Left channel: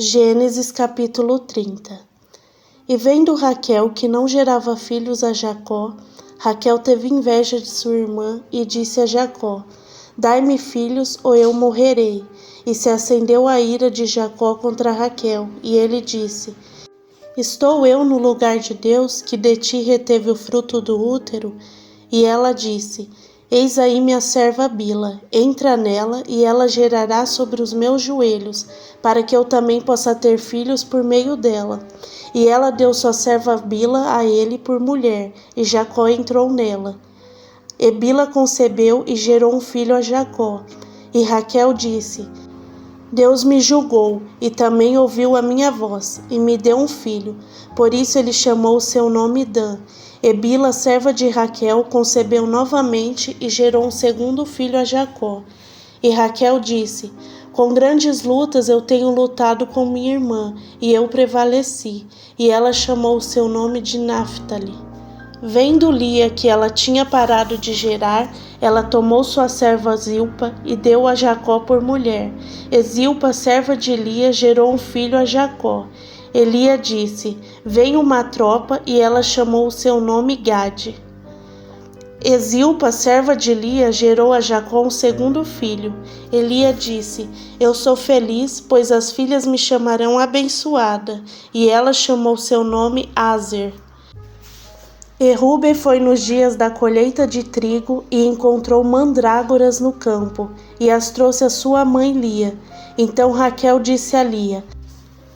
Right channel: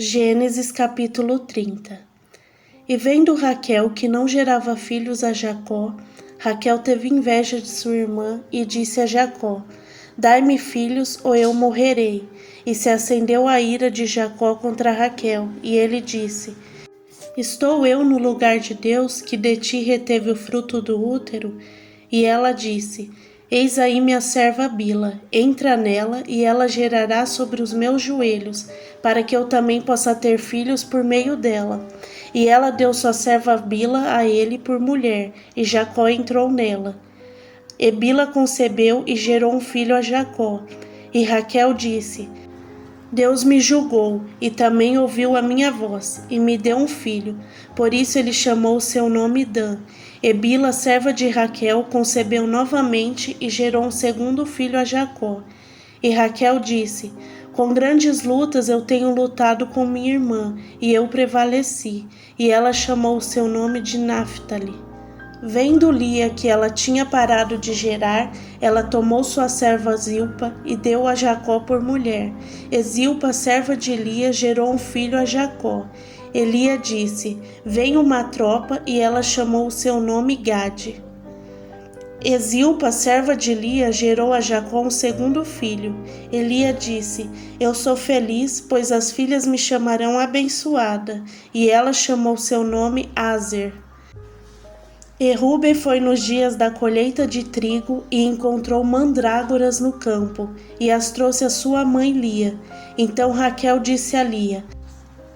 Gênesis capítulo 30. E vendo Raquel que não gerava filhos a Jacó, Raquel teve inveja de sua irmã e disse a Jacó: Dai-me filhos ou eu morrerei. E se acendeu a ira de Jacó contra Raquel, e ele disse: Estou eu no lugar de Deus, que de ti reteve o fruto do útero? E ela disse: Eis aí minha serva Bila, entra nela, e ela gerará sobre os meus joelhos, para que eu também possa ter filhos por meio dela. E ela deu sua serva Bila a ele por mulher, e Jacó entrou nela. E Bila concebeu e gerou um filho a Jacó. E Raquel disse: Deus me julgou, e também ouviu a minha voz, e me deu um filho. Por isso ele chamou o seu nome Dan. E Bila, serva de Raquel, concebeu novamente e gerou um segundo filho a Jacó. E Raquel disse: Com grandes lutas eu tenho lutado com minha irmã, e eu prevaleci. E ela chamou o seu nome de Naphtali. Vendo Lia que ela tinha parado de gerar, ela tomou sua serva Zilpa e deu a Jacó por mulher. E Zilpa, serva de Lia, gerou um filho a Jacó. E Lia disse: Vem uma tropa, e ela chamou o seu nome Gade. E Zilpa, serva de Lia, gerou a Jacó um segundo filho. E Lia disse: Eu sou feliz, pois as filhas me chamarão abençoada. E ela chamou seu nome Aser. E Rúben foi nos dias da colheita de trigo e encontrou mandrágoras no campo, e as trouxe a sua mãe Lia. Então Raquel disse a Lia:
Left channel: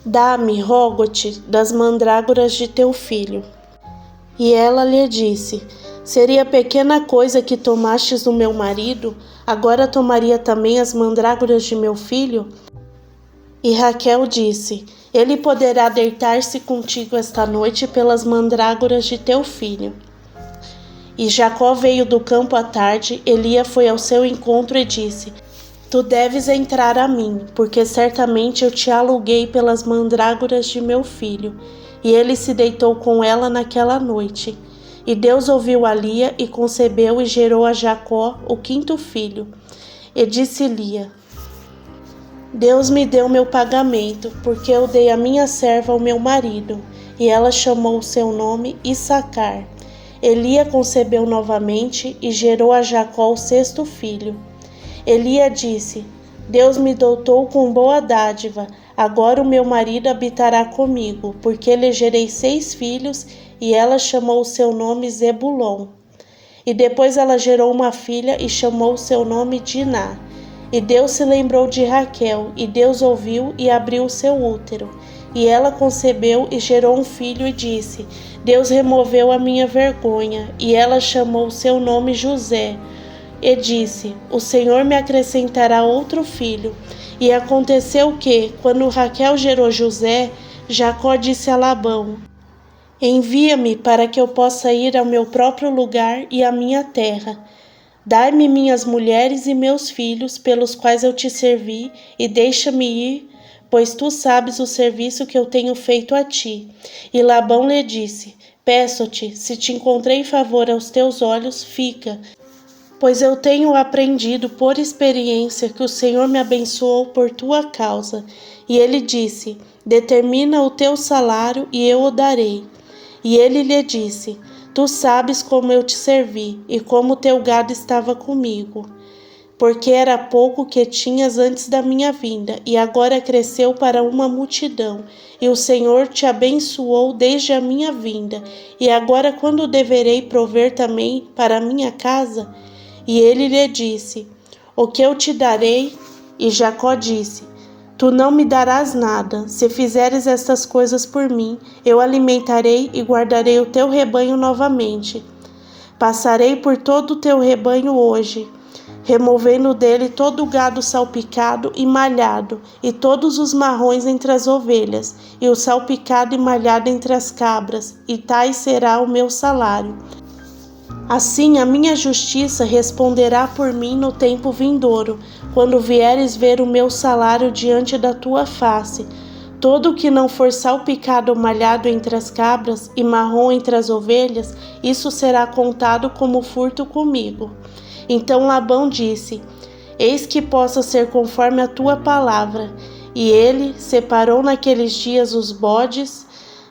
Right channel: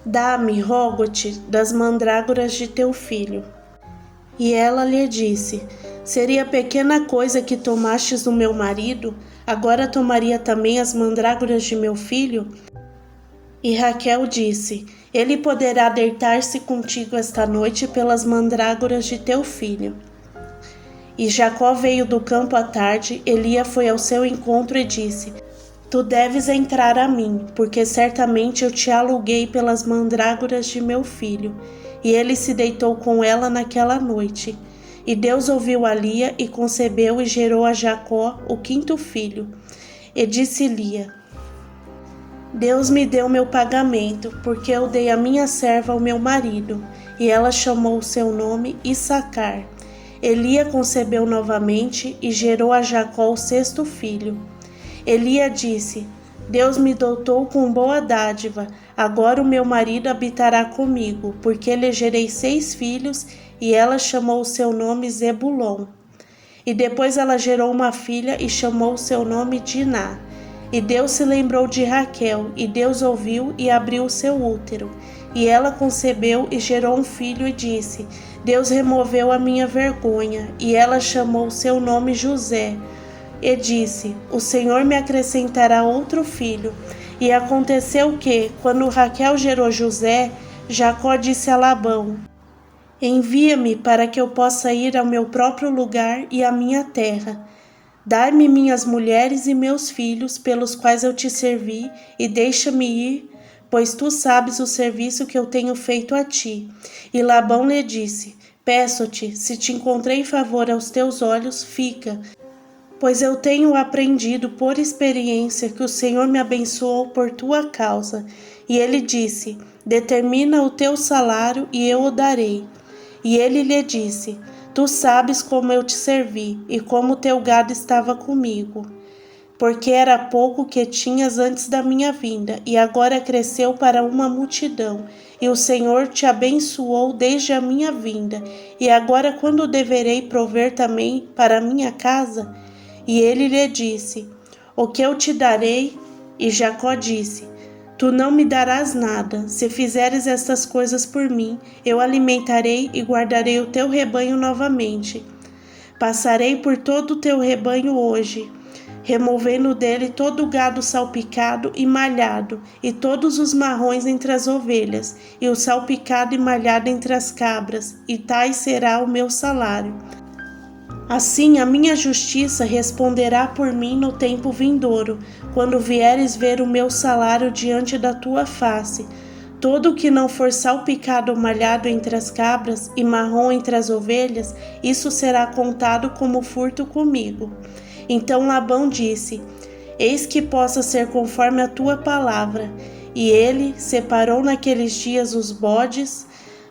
Dá-me, rogo-te, das mandrágoras de teu filho. E ela lhe disse: Seria pequena coisa que tomastes do meu marido? Agora tomaria também as mandrágoras de meu filho? E Raquel disse: Ele poderá deitar-se contigo esta noite pelas mandrágoras de teu filho. E Jacó veio do campo à tarde, e Lia foi ao seu encontro e disse: Tu deves entrar a mim, porque certamente eu te aluguei pelas mandrágoras de meu filho. E ele se deitou com ela naquela noite. E Deus ouviu a Lia e concebeu e gerou a Jacó o quinto filho. E disse Lia: Deus me deu meu pagamento, porque eu dei a minha serva ao meu marido. E ela chamou o seu nome Issacar. Lia concebeu novamente e gerou a Jacó o sexto filho. Lia disse: Deus me dotou com boa dádiva, agora o meu marido habitará comigo, porque lhe gerei 6 filhos, e ela chamou o seu nome Zebulon. E depois ela gerou uma filha e chamou o seu nome Diná. E Deus se lembrou de Raquel, e Deus ouviu e abriu o seu útero. E ela concebeu e gerou um filho e disse: Deus removeu a minha vergonha. E ela chamou o seu nome José. E disse: O Senhor me acrescentará outro filho. E aconteceu que, quando Raquel gerou José, Jacó disse a Labão: Envia-me para que eu possa ir ao meu próprio lugar e à minha terra. Dai-me minhas mulheres e meus filhos, pelos quais eu te servi, e deixa-me ir, pois tu sabes o serviço que eu tenho feito a ti. E Labão lhe disse: Peço-te, se te encontrei favor aos teus olhos, fica, pois eu tenho aprendido por experiência que o Senhor me abençoou por tua causa. E ele disse: Determina o teu salário e eu o darei. E ele lhe disse: Tu sabes como eu te servi e como teu gado estava comigo, porque era pouco que tinhas antes da minha vinda, e agora cresceu para uma multidão. E o Senhor te abençoou desde a minha vinda. E agora quando deverei prover também para a minha casa? E ele lhe disse: O que eu te darei? E Jacó disse: Tu não me darás nada. Se fizeres estas coisas por mim, eu alimentarei e guardarei o teu rebanho novamente. Passarei por todo o teu rebanho hoje, removendo dele todo o gado salpicado e malhado, e todos os marrões entre as ovelhas, e o salpicado e malhado entre as cabras, e tais será o meu salário. Assim a minha justiça responderá por mim no tempo vindouro, quando vieres ver o meu salário diante da tua face. Todo o que não for salpicado ou malhado entre as cabras e marrom entre as ovelhas, isso será contado como furto comigo. Então Labão disse: Eis que possa ser conforme a tua palavra. E ele separou naqueles dias os bodes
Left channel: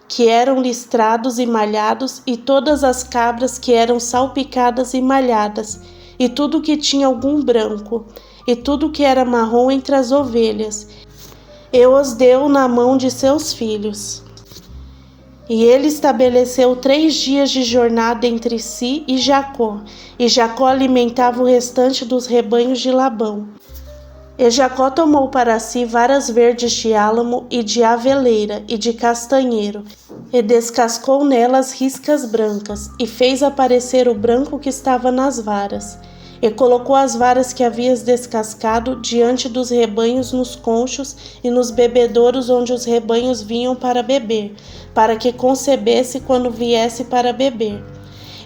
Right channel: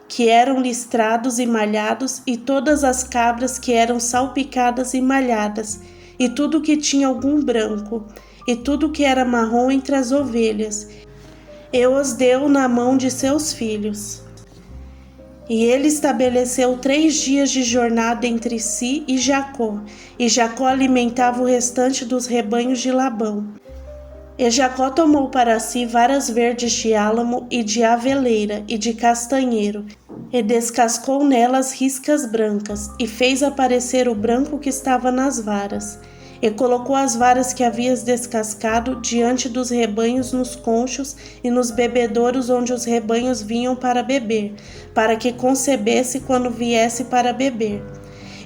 que eram listrados e malhados, e todas as cabras que eram salpicadas e malhadas, e tudo que tinha algum branco, e tudo que era marrom entre as ovelhas, e os deu na mão de seus filhos. E ele estabeleceu 3 dias de jornada entre si e Jacó alimentava o restante dos rebanhos de Labão. E Jacó tomou para si varas verdes de álamo e de aveleira e de castanheiro, e descascou nelas riscas brancas, e fez aparecer o branco que estava nas varas. E colocou as varas que havias descascado diante dos rebanhos nos conchos e nos bebedouros onde os rebanhos vinham para beber, para que concebesse quando viesse para beber.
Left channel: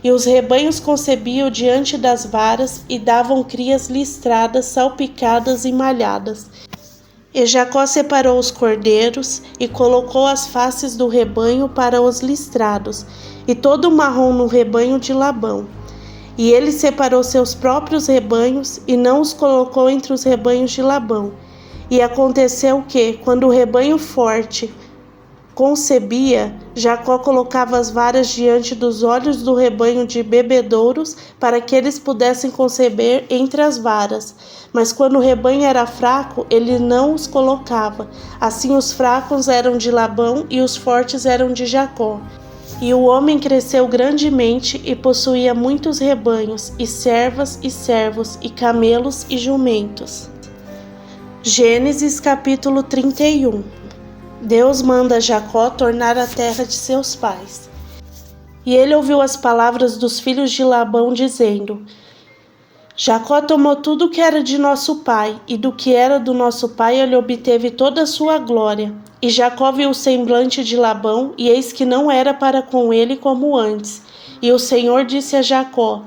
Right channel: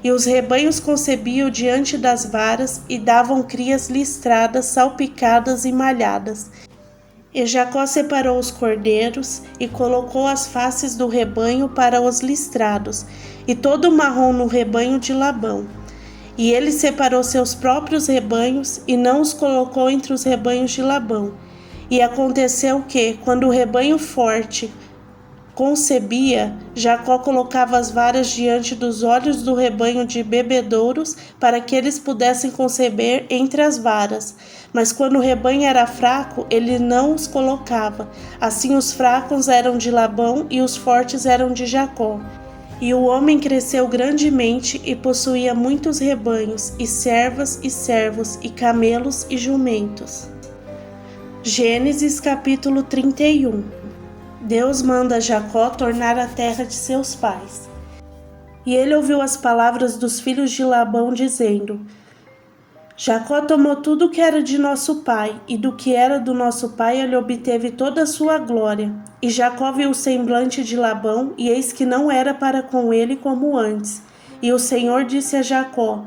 E os rebanhos concebiam diante das varas e davam crias listradas, salpicadas e malhadas. E Jacó separou os cordeiros e colocou as faces do rebanho para os listrados, e todo o marrom no rebanho de Labão. E ele separou seus próprios rebanhos e não os colocou entre os rebanhos de Labão. E aconteceu que, quando o rebanho forte concebia, Jacó colocava as varas diante dos olhos do rebanho de bebedouros, para que eles pudessem conceber entre as varas. Mas quando o rebanho era fraco, ele não os colocava. Assim os fracos eram de Labão e os fortes eram de Jacó. E o homem cresceu grandemente e possuía muitos rebanhos, e servas e servos, e camelos e jumentos. Gênesis capítulo 31. Deus manda Jacó tornar a terra de seus pais. E ele ouviu as palavras dos filhos de Labão, dizendo: Jacó tomou tudo o que era de nosso pai, e do que era do nosso pai ele obteve toda a sua glória. E Jacó viu o semblante de Labão, e eis que não era para com ele como antes. E o Senhor disse a Jacó:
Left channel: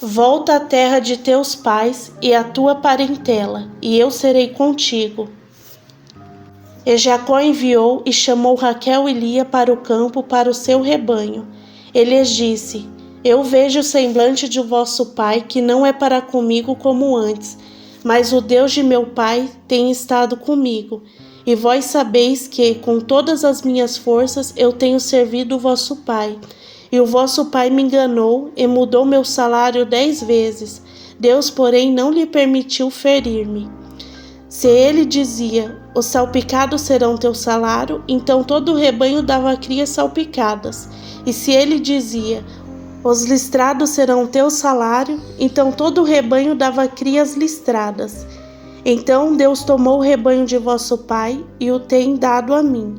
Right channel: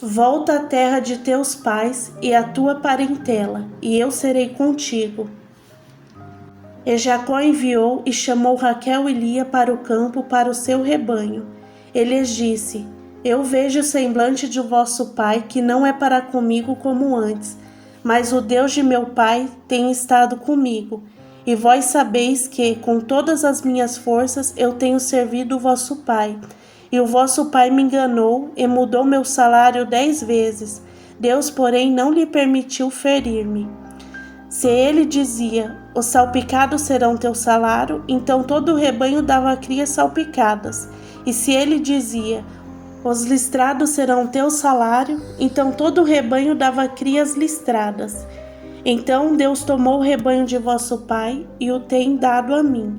Volta à terra de teus pais e à tua parentela, e eu serei contigo. E Jacó enviou e chamou Raquel e Lia para o campo para o seu rebanho. Ele lhes disse: Eu vejo o semblante de vosso pai, que não é para comigo como antes, mas o Deus de meu pai tem estado comigo. E vós sabeis que, com todas as minhas forças, eu tenho servido o vosso pai. E o vosso pai me enganou e mudou meu salário 10 vezes. Deus, porém, não lhe permitiu ferir-me. Se ele dizia: Os salpicados serão teu salário, então todo o rebanho dava crias salpicadas. E se ele dizia: Os listrados serão teu salário, então todo o rebanho dava crias listradas. Então Deus tomou o rebanho de vosso pai e o tem dado a mim.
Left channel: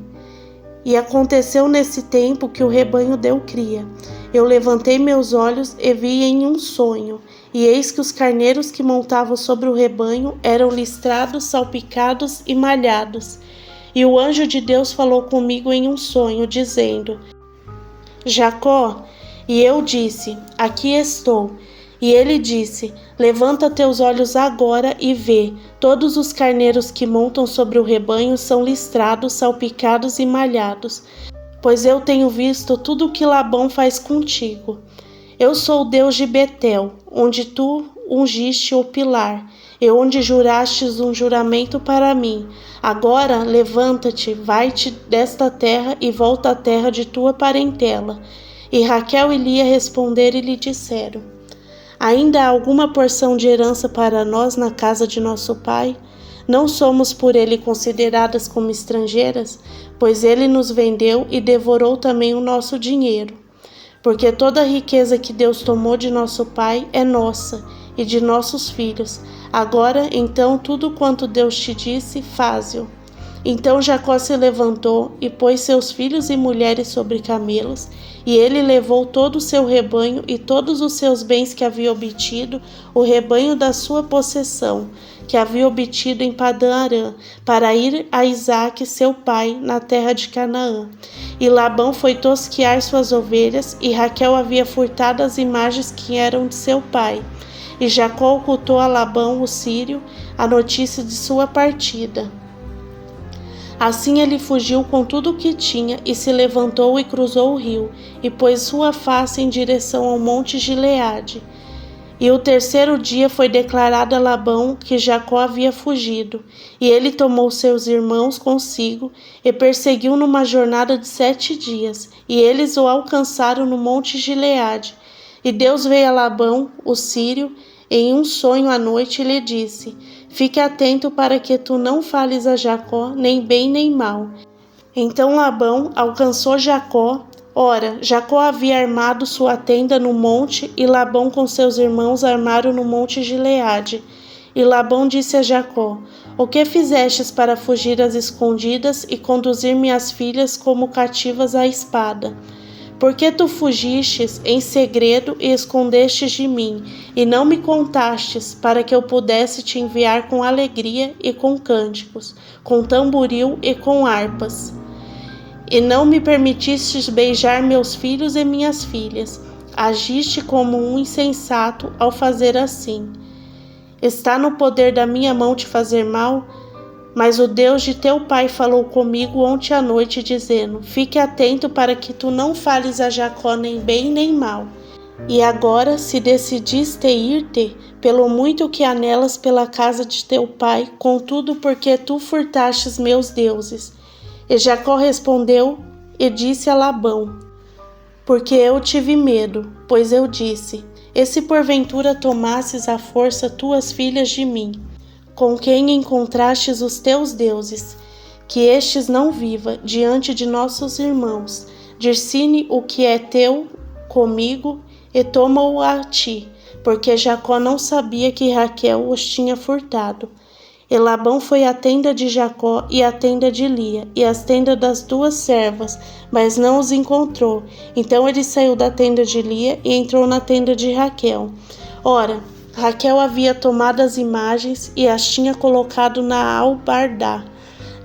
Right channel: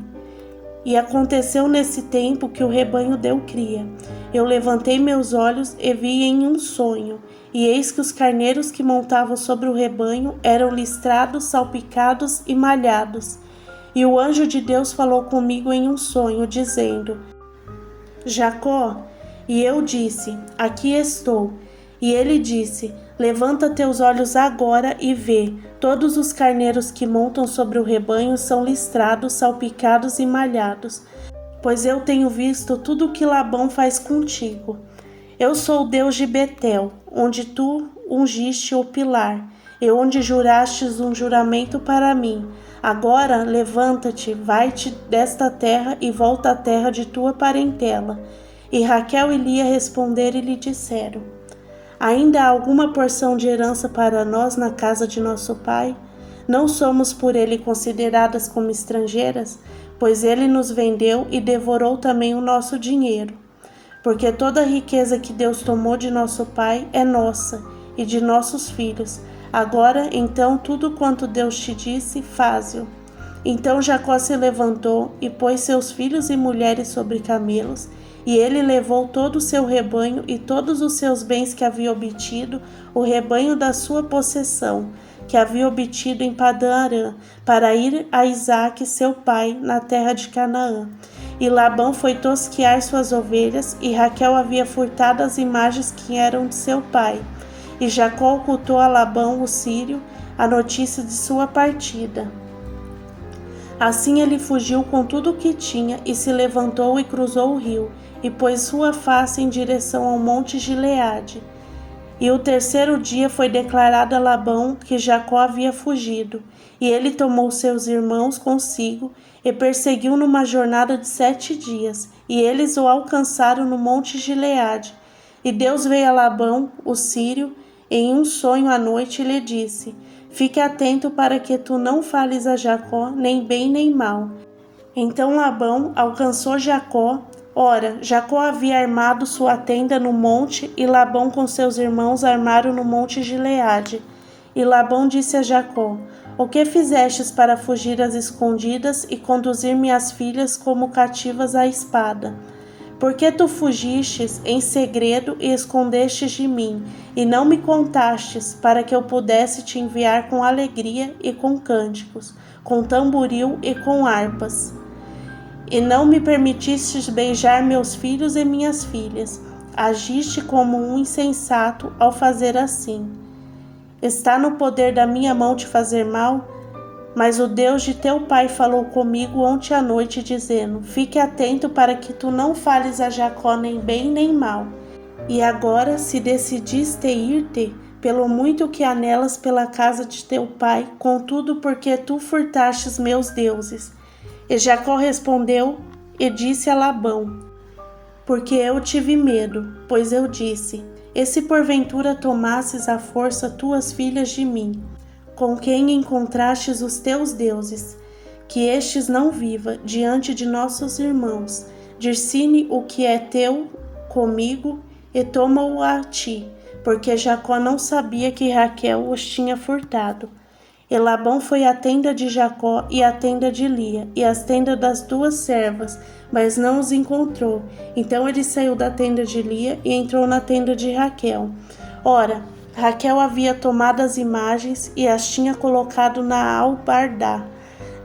E aconteceu nesse tempo que o rebanho deu cria. Eu levantei meus olhos e vi em um sonho, e eis que os carneiros que montavam sobre o rebanho eram listrados, salpicados e malhados. E o anjo de Deus falou comigo em um sonho, dizendo: Jacó. E eu disse: Aqui estou. E ele disse: Levanta teus olhos agora e vê. Todos os carneiros que montam sobre o rebanho são listrados, salpicados e malhados. Pois eu tenho visto tudo o que Labão faz contigo. Eu sou o Deus de Betel, onde tu ungiste o pilar, e onde jurastes um juramento para mim. Agora levanta-te, vai-te desta terra e volta à terra de tua parentela. E Raquel e Lia responderam e lhe disseram: Ainda há alguma porção de herança para nós na casa de nosso pai? Não somos por ele consideradas como estrangeiras? Pois ele nos vendeu e devorou também o nosso dinheiro. Porque toda a riqueza que Deus tomou de nosso pai é nossa e de nossos filhos. Agora, então, tudo quanto Deus te disse, faze-o. Então Jacó se levantou e pôs seus filhos e mulheres sobre camelos, e ele levou todo o seu rebanho e todos os seus bens que havia obtido, o rebanho da sua possessão, que havia obtido em Padã-Arã, para ir a Isaque, seu pai, na terra de Canaã. E Labão foi tosquiar suas ovelhas, e Raquel havia furtado as imagens que eram de seu pai. E Jacó ocultou a Labão, o sírio, a notícia de sua partida. Assim ele fugiu com tudo o que tinha, e se levantou e cruzou o rio, e pôs sua face em direção ao monte Gileade. E o terceiro dia foi declarado a Labão que Jacó havia fugido, e ele tomou seus irmãos consigo e perseguiu numa jornada de 7 dias, e eles o alcançaram no monte Gileade. E Deus veio a Labão, o sírio, em um sonho à noite e lhe disse: Fique atento para que tu não fales a Jacó, nem bem nem mal. Então Labão alcançou Jacó. Ora, Jacó havia armado sua tenda no monte, e Labão com seus irmãos armaram no monte Gileade. E Labão disse a Jacó: O que fizestes para fugir às escondidas e conduzir minhas filhas como cativas à espada? Por que tu fugistes em segredo e escondestes de mim, e não me contastes, para que eu pudesse te enviar com alegria e com cânticos, com tamboril e com harpas? E não me permitistes beijar meus filhos e minhas filhas. Agiste como um insensato ao fazer assim. Está no poder da minha mão te fazer mal? Mas o Deus de teu pai falou comigo ontem à noite, dizendo: Fique atento para que tu não fales a Jacó nem bem nem mal. E agora, se decidiste ir-te, pelo muito que anelas pela casa de teu pai, contudo porque tu furtastes meus deuses. E Jacó respondeu e disse a Labão: Porque eu tive medo, pois eu disse: E se porventura tomasses à força tuas filhas de mim, com quem encontrastes os teus deuses, que estes não viva diante de nossos irmãos, dir-se-ne o que é teu comigo, e toma-o a ti, porque Jacó não sabia que Raquel os tinha furtado. E Labão foi à tenda de Jacó e à tenda de Lia, e às tendas das 2 servas, mas não os encontrou. Então ele saiu da tenda de Lia e entrou na tenda de Raquel. Ora, Raquel havia tomado as imagens e as tinha colocado na albardá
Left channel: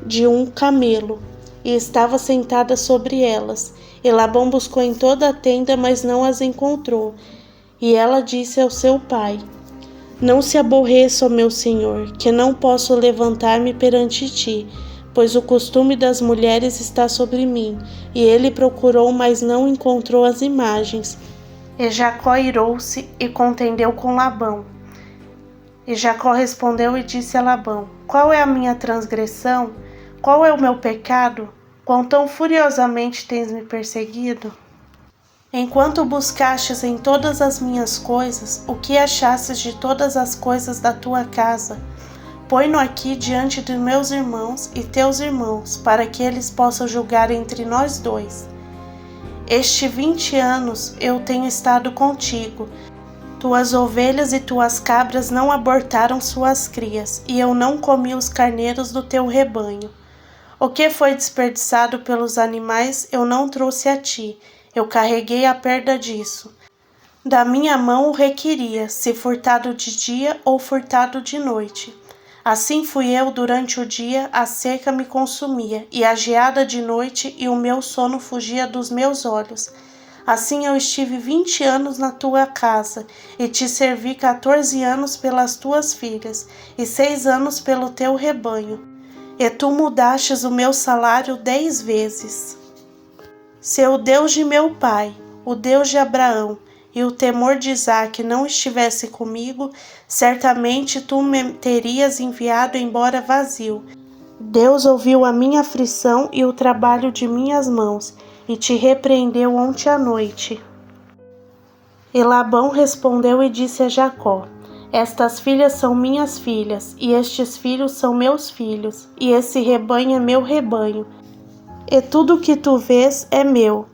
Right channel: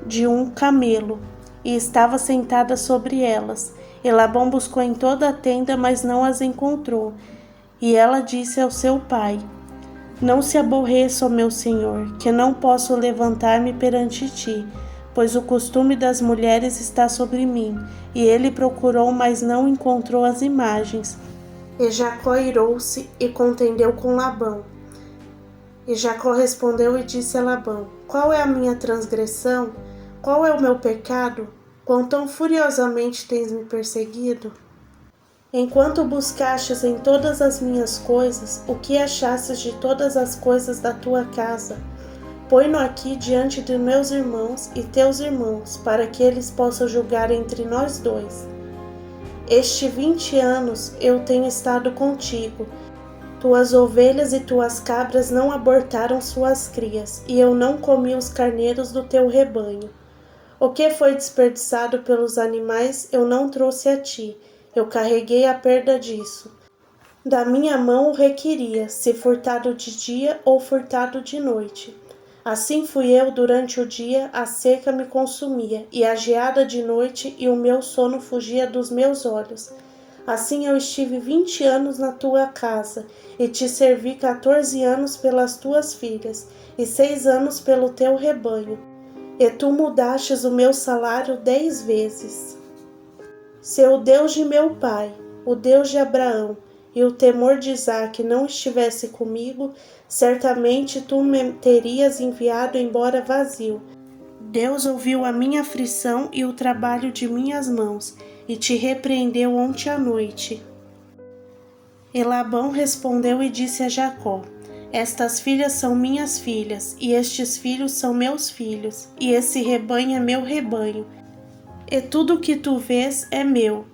de um camelo, e estava sentada sobre elas. E Labão buscou em toda a tenda, mas não as encontrou. E ela disse ao seu pai: Não se aborreça, ó meu senhor, que não posso levantar-me perante ti, pois o costume das mulheres está sobre mim. E ele procurou, mas não encontrou as imagens. E Jacó irou-se e contendeu com Labão. E Jacó respondeu e disse a Labão: Qual é a minha transgressão? Qual é o meu pecado? Quão tão furiosamente tens me perseguido? Enquanto buscastes em todas as minhas coisas, o que achastes de todas as coisas da tua casa? Põe-no aqui diante de meus irmãos e teus irmãos, para que eles possam julgar entre nós dois. Este 20 anos eu tenho estado contigo. Tuas ovelhas e tuas cabras não abortaram suas crias, e eu não comi os carneiros do teu rebanho. O que foi desperdiçado pelos animais eu não trouxe a ti, eu carreguei a perda disso. Da minha mão o requeria, se furtado de dia ou furtado de noite. Assim fui eu durante o dia, a seca me consumia, e a geada de noite, e o meu sono fugia dos meus olhos. Assim eu estive 20 anos na tua casa, e te servi 14 anos pelas tuas filhas, e 6 anos pelo teu rebanho. E tu mudastes o meu salário 10 vezes. Se o Deus de meu pai, o Deus de Abraão, e o temor de Isaque não estivesse comigo, certamente tu me terias enviado embora vazio. Deus ouviu a minha aflição e o trabalho de minhas mãos, e te repreendeu ontem à noite. E Labão respondeu e disse a Jacó: Estas filhas são minhas filhas, e estes filhos são meus filhos, e esse rebanho é meu rebanho, e tudo o que tu vês é meu.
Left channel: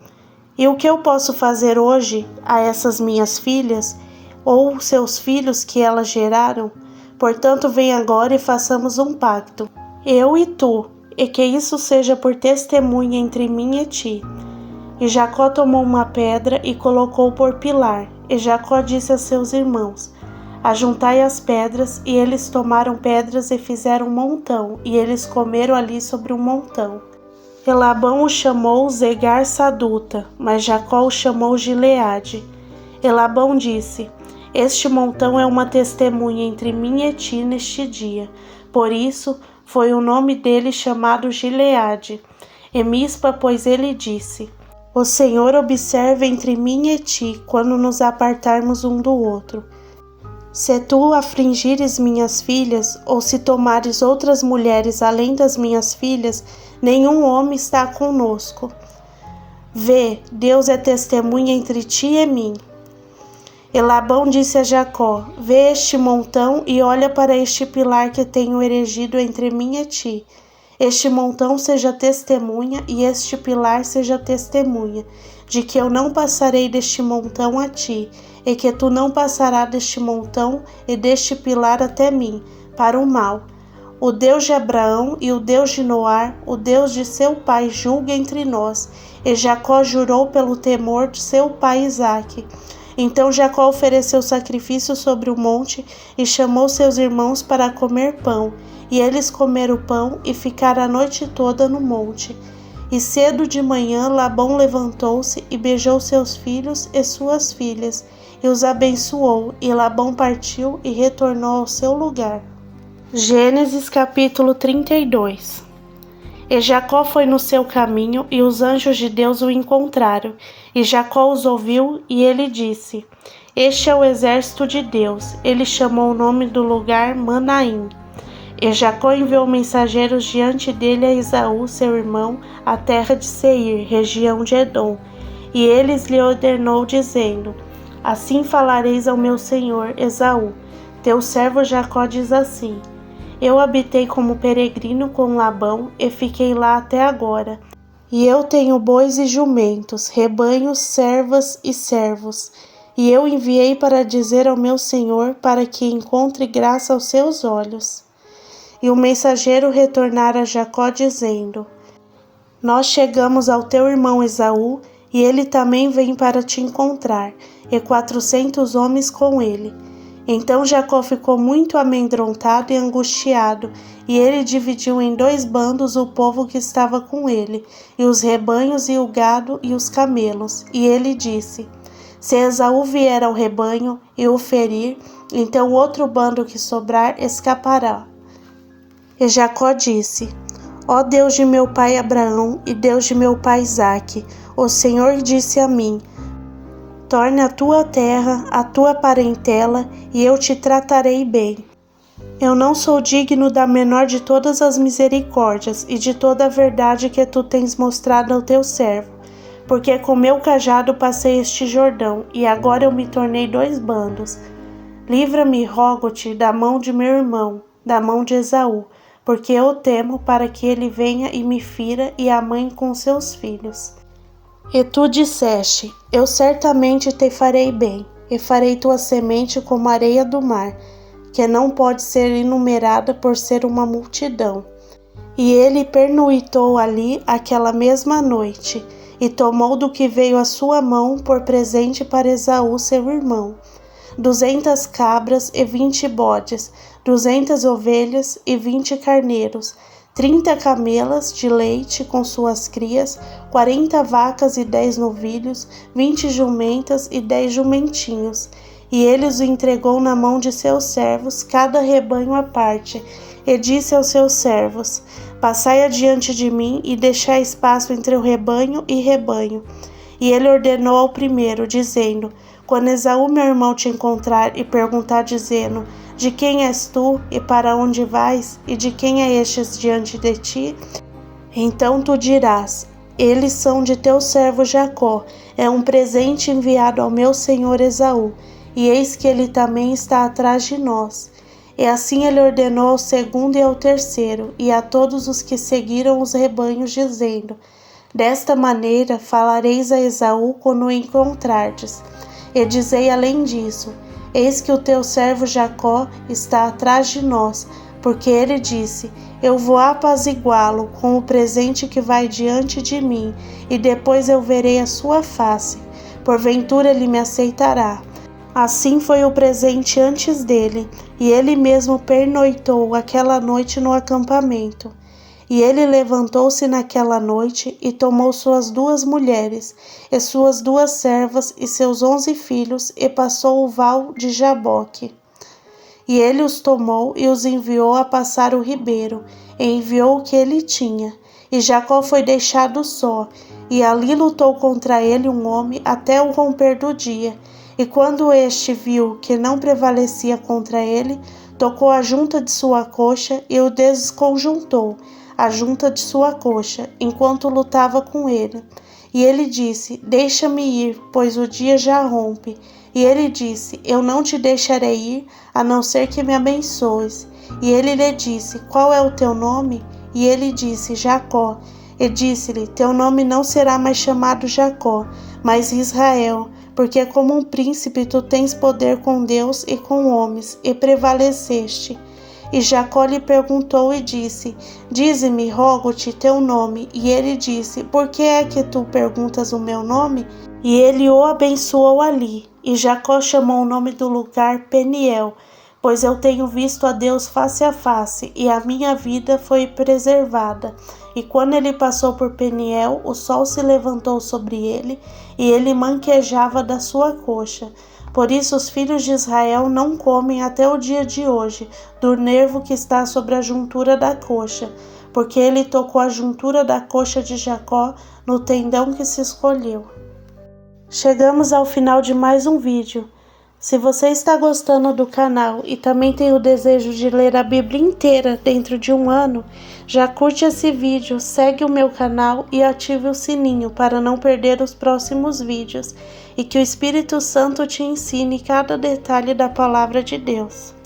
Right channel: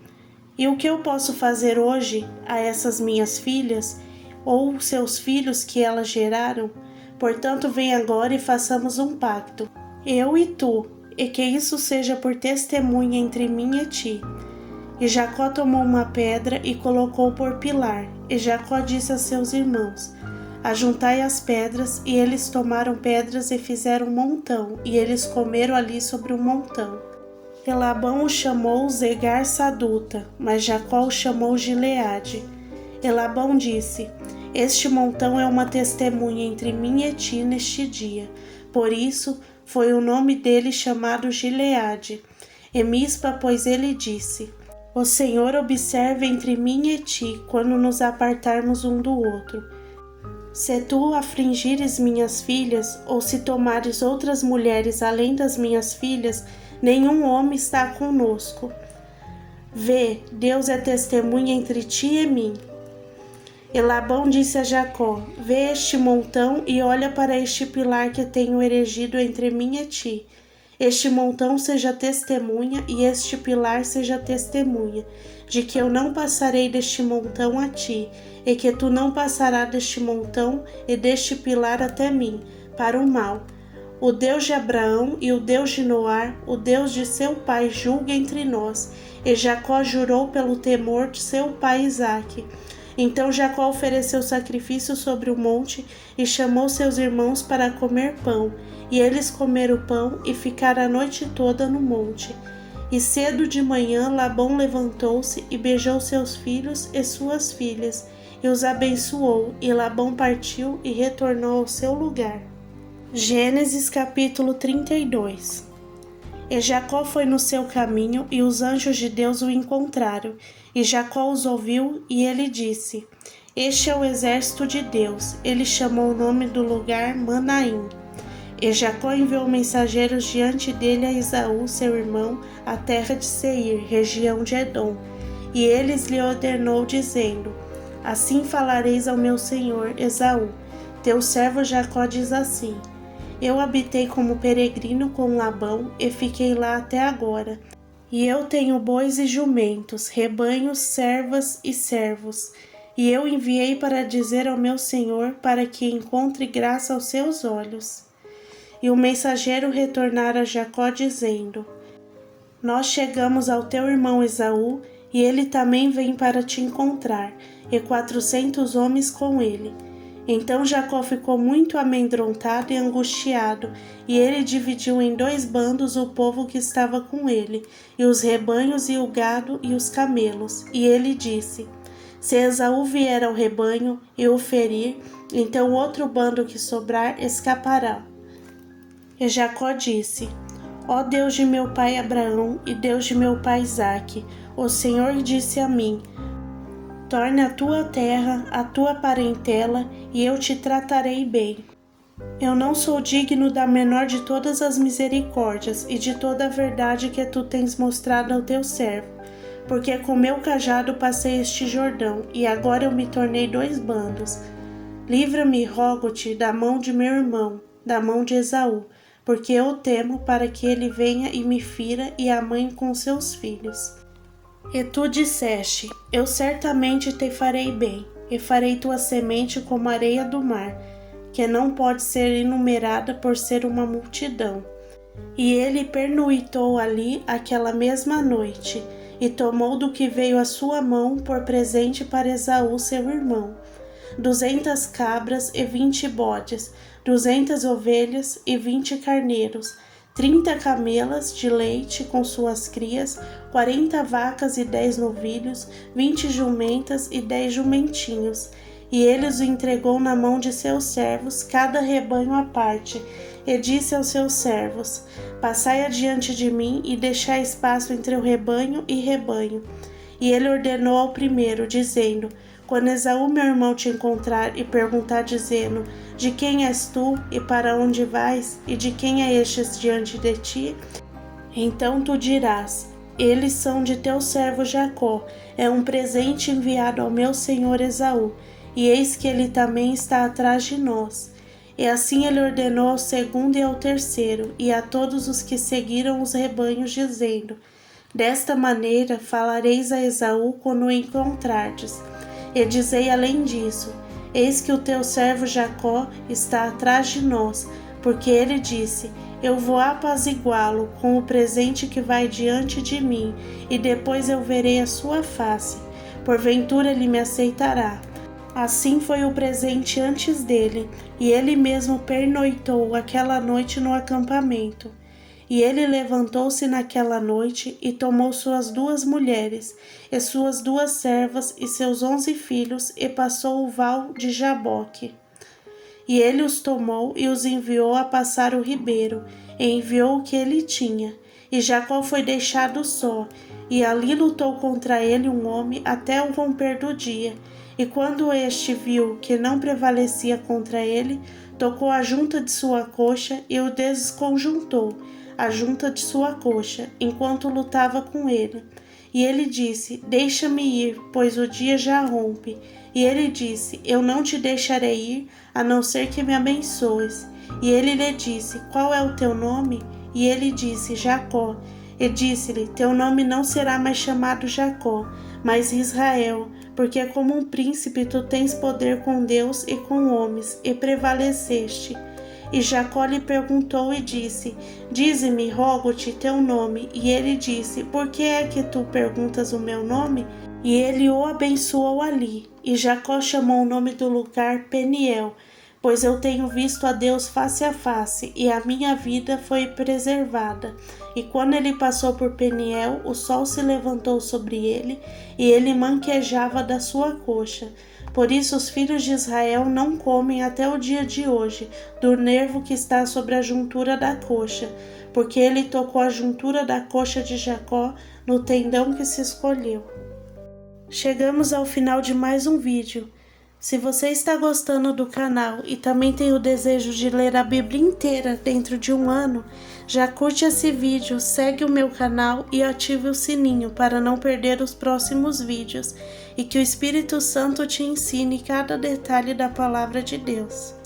E o que eu posso fazer hoje a essas minhas filhas, ou seus filhos que elas geraram? Portanto, vem agora e façamos um pacto, eu e tu, e que isso seja por testemunha entre mim e ti. E Jacó tomou uma pedra e colocou por pilar, e Jacó disse a seus irmãos: Ajuntai as pedras, e eles tomaram pedras e fizeram um montão, e eles comeram ali sobre um montão. E Labão o chamou Zegar Saduta, mas Jacó o chamou Gileade. E Labão disse: Este montão é uma testemunha entre mim e ti neste dia. Por isso foi o nome dele chamado Gileade. E Mispa, pois ele disse: O Senhor observe entre mim e ti, quando nos apartarmos um do outro. Se tu afligires minhas filhas, ou se tomares outras mulheres além das minhas filhas, nenhum homem está conosco. Vê, Deus é testemunha entre ti e mim. E Labão disse a Jacó: Vê este montão e olha para este pilar que tenho erigido entre mim e ti. Este montão seja testemunha e este pilar seja testemunha, de que eu não passarei deste montão a ti, e que tu não passarás deste montão e deste pilar até mim, para o mal. O Deus de Abraão e o Deus de Noé, o Deus de seu pai, julgue entre nós. E Jacó jurou pelo temor de seu pai Isaque. Então Jacó ofereceu sacrifício sobre o monte e chamou seus irmãos para comer pão. E eles comeram o pão e ficaram a noite toda no monte. E cedo de manhã Labão levantou-se e beijou seus filhos e suas filhas, e os abençoou, e Labão partiu e retornou ao seu lugar. Gênesis capítulo 32. E Jacó foi no seu caminho, e os anjos de Deus o encontraram. E Jacó os ouviu, e ele disse: Este é o exército de Deus. Ele chamou o nome do lugar Manaim. E Jacó enviou mensageiros diante dele a Esaú, seu irmão, à terra de Seir, região de Edom. E eles lhe ordenou, dizendo: Assim falareis ao meu senhor Esaú: Teu servo Jacó diz assim: Eu habitei como peregrino com Labão e fiquei lá até agora. E eu tenho bois e jumentos, rebanhos, servas e servos. E eu enviei para dizer ao meu senhor, para que encontre graça aos seus olhos. E o mensageiro retornara a Jacó, dizendo: Nós chegamos ao teu irmão Esaú, e ele também vem para te encontrar, e 400 homens com ele. Então Jacó ficou muito amedrontado e angustiado, e ele dividiu em 2 bandos o povo que estava com ele, e os rebanhos e o gado e os camelos. E ele disse: Se Esaú vier ao rebanho e o ferir, então o outro bando que sobrar escapará. E Jacó disse: Ó Deus de meu pai Abraão e Deus de meu pai Isaque, o Senhor disse a mim: Torne a tua terra, a tua parentela, e eu te tratarei bem. Eu não sou digno da menor de todas as misericórdias e de toda a verdade que tu tens mostrado ao teu servo, porque com meu cajado passei este Jordão, e agora eu me tornei 2 bandos. Livra-me, rogo-te, da mão de meu irmão, da mão de Esaú, porque eu temo para que ele venha e me fira, e a mãe com seus filhos. E tu disseste: Eu certamente te farei bem, e farei tua semente como a areia do mar, que não pode ser enumerada por ser uma multidão. E ele pernoitou ali aquela mesma noite, e tomou do que veio à sua mão por presente para Esaú seu irmão, 200 cabras e 20 bodes, 200 ovelhas e 20 carneiros, 30 camelas de leite com suas crias, 40 vacas e 10 novilhos, 20 jumentas e 10 jumentinhos. E ele os entregou na mão de seus servos, cada rebanho à parte, e disse aos seus servos: Passai adiante de mim e deixai espaço entre o rebanho e rebanho. E ele ordenou ao primeiro, dizendo: Quando Esaú meu irmão te encontrar e perguntar, dizendo: De quem és tu e para onde vais, e de quem é estes diante de ti? Então tu dirás: Eles são de teu servo Jacó, é um presente enviado ao meu senhor Esaú, e eis que ele também está atrás de nós. E assim ele ordenou ao segundo e ao terceiro, e a todos os que seguiram os rebanhos, dizendo: Desta maneira falareis a Esaú quando o encontrardes. E dizei além disso: Eis que o teu servo Jacó está atrás de nós, porque ele disse: Eu vou apaziguá-lo com o presente que vai diante de mim, e depois eu verei a sua face. Porventura ele me aceitará. Assim foi o presente antes dele, e ele mesmo pernoitou aquela noite no acampamento. E ele levantou-se naquela noite e tomou suas 2 mulheres, e suas 2 servas e seus 11 filhos, e passou o val de Jaboque. E ele os tomou e os enviou a passar o ribeiro, e enviou o que ele tinha. E Jacó foi deixado só, e ali lutou contra ele um homem até o romper do dia. E quando este viu que não prevalecia contra ele, tocou a junta de sua coxa e o desconjuntou, a junta de sua coxa, enquanto lutava com ele. E ele disse: Deixa-me ir, pois o dia já rompe. E ele disse: Eu não te deixarei ir, a não ser que me abençoes. E ele lhe disse: Qual é o teu nome? E ele disse: Jacó. E disse-lhe: Teu nome não será mais chamado Jacó, mas Israel, porque como um príncipe tu tens poder com Deus e com homens, e prevaleceste. E Jacó lhe perguntou e disse: Dize-me, rogo-te, teu nome. E ele disse: Por que é que tu perguntas o meu nome? E ele o abençoou ali. E Jacó chamou o nome do lugar Peniel, pois eu tenho visto a Deus face a face, e a minha vida foi preservada. E quando ele passou por Peniel, o sol se levantou sobre ele, e ele manquejava da sua coxa. Por isso os filhos de Israel não comem até o dia de hoje, do nervo que está sobre a juntura da coxa, porque ele tocou a juntura da coxa de Jacó no tendão que se escolheu. Chegamos ao final de mais um vídeo. Se você está gostando do canal e também tem o desejo de ler a Bíblia inteira dentro de um ano, já curte esse vídeo, segue o meu canal e ative o sininho para não perder os próximos vídeos e que o Espírito Santo te ensine cada detalhe da Palavra de Deus.